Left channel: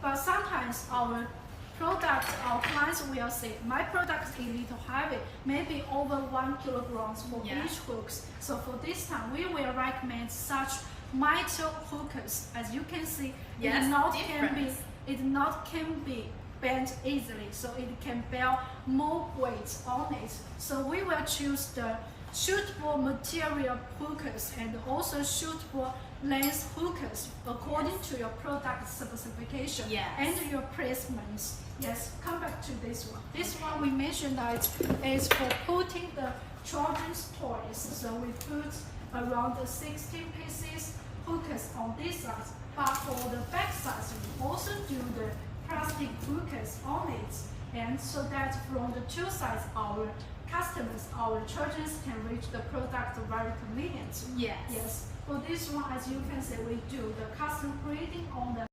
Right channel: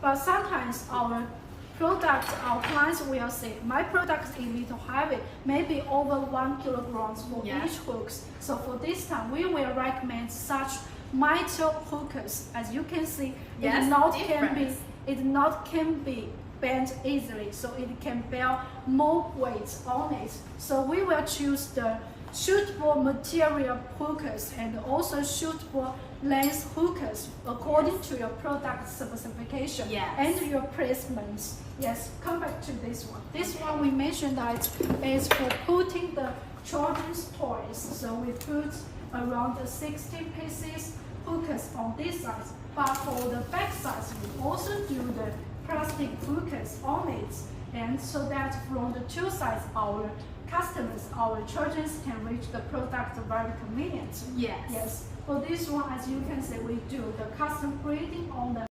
but sometimes our clients will say, my product is a little heavy, maybe over 1 kilogram for each hooks. So for this time, we will recommend such metal hookers. As you can see, it not can be bent easily, so it can bear more weight on it. So we will choose the suitable material hookers and also suitable length hookers according to your product specification and your placements. Yes, come back to this one. This one we mentioned that is for putting the children's toys. So we put around 16 pieces hookers on this side, but for the back side we also do the plastic hookers on it, and so that from the two sides our customers, our children can reach the product very convenient. Yes. For this one, as you can see, we do the custom grading on the